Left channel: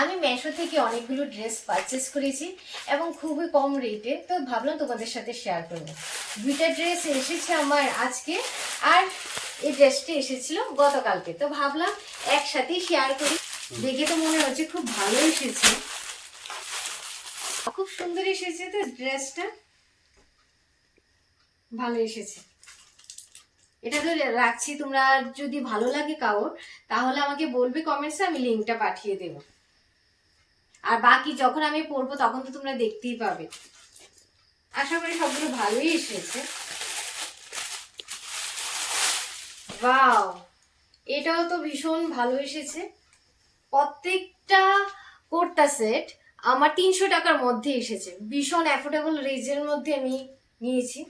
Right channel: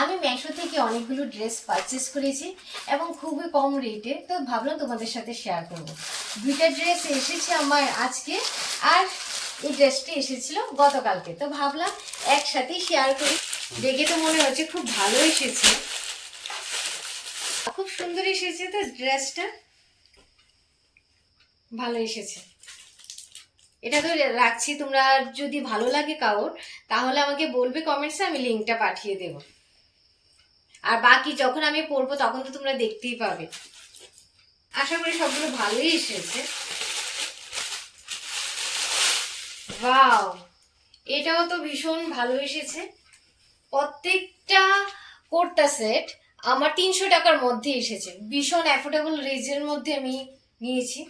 আমি মেশো থেকে অনেকগুলো ড্রেস পারচেস করেছি এবং খুবই কম রেটে, তো ভাবলাম তোমাদের সাথে শেয়ার করব। দুইটা ড্রেস এসেছে আমার আজকে, আর এই ড্রেসটি এসেছিল গতকালকে, তো ভাবলাম একসাথেই শেয়ার করি। দেখে তো মনে হচ্ছে খুব ভালো এসেছে, খুব সুন্দর এসেছে। তো ড্রেসটা ভালো এসেছে, এটা তো রাখছি। তোমরা যদি ভালো লাগে কারোর, তাহলে আমাকে বলবে কমেন্টসে, আমি লিঙ্কটা পাঠিয়ে দেবো। আর বাকি যখন আমি পরবো তখন তো তোমরা দেখতেই পাবে। আশা করি সবগুলো ভালোই এসেছে। ওয়াও, এটাও তো ভীষণ ভালো এসেছে। প্রত্যেকটা কুর্তা সেট আমার 300 টাকার মধ্যে এসেছে, ভীষণ অ্যাফোর্ডেবল রেঞ্জের মধ্যে আমি নিয়েছি।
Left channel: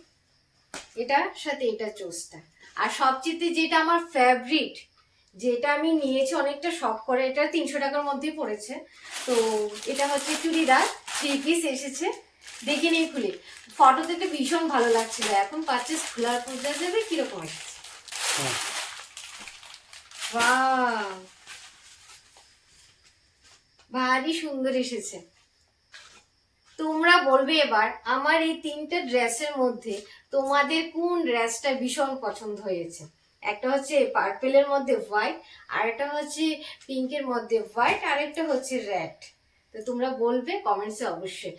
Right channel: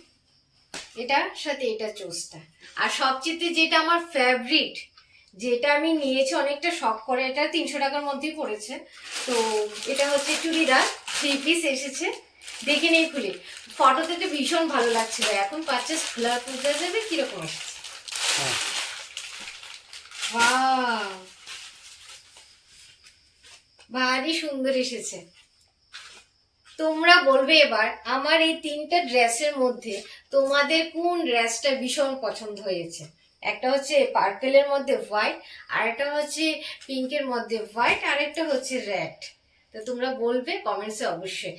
এটার সাথে এটা চোস্তা, আর সবচেয়ে যেটা আমার ফেভারিট, যেটা আমি নিয়েছি অনেকটা শখ করে, এটা 300 টাকার মধ্যেই পড়েছে। তো এটা হচ্ছে চুড়িদার 3 পিস এসেছে। দেখে নেই খুলে, ফটোতে তো ভীষণ ভালো লাগছিল। এখন পারচেস খোলার বোঝা যাবে কিরকম এসেছে। ওয়াও, ভারী সুন্দর এসেছে। তোমরা বলবে এবার আমার এই 3টা ড্রেসের মধ্যে তোমাদের কোন ড্রেসটা ভীষণ পছন্দ হয়েছে। একটা হচ্ছে পার্পেলের মধ্যে হোয়াইট, আর একটা হচ্ছে পিঙ্কের মধ্যে হোয়াইট, আর একটা হচ্ছে রেড। তো তোমরা বলবে কমেন্টসে অবশ্যই।